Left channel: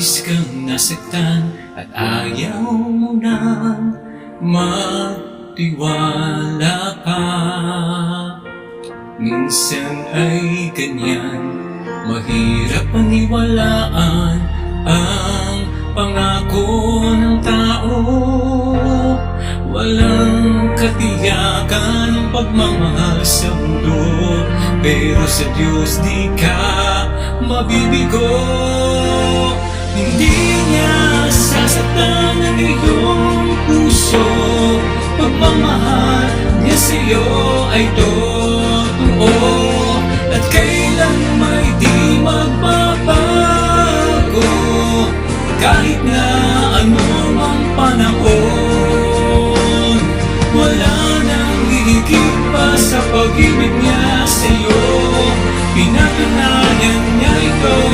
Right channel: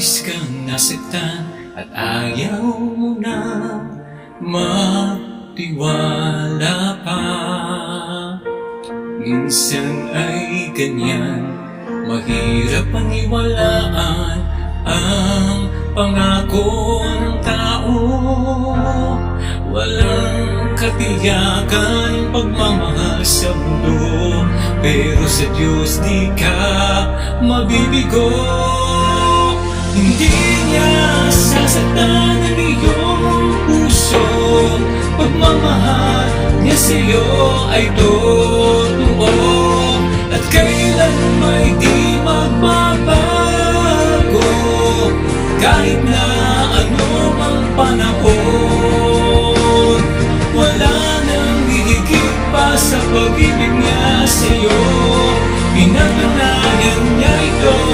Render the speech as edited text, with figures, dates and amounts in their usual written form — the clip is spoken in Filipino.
labis kang nasaktan at ayaw mo nang magtiwala pa. Minsan ay ganyan, mahirap paniwalaan ang pangako ng tao. Walang katiyakan ng pagmamahal sa mundo, pero sa Diyos di ka mabibigo. Hindi niya sasaktan ang iyong puso, pagmamahal niya sa'yo ay totoo, at kailan may di magbabago. Kahit na ano mang panahon, wala nang hihigit pa sa pag-ibig niya sa'yo. Pinatunayan niya ito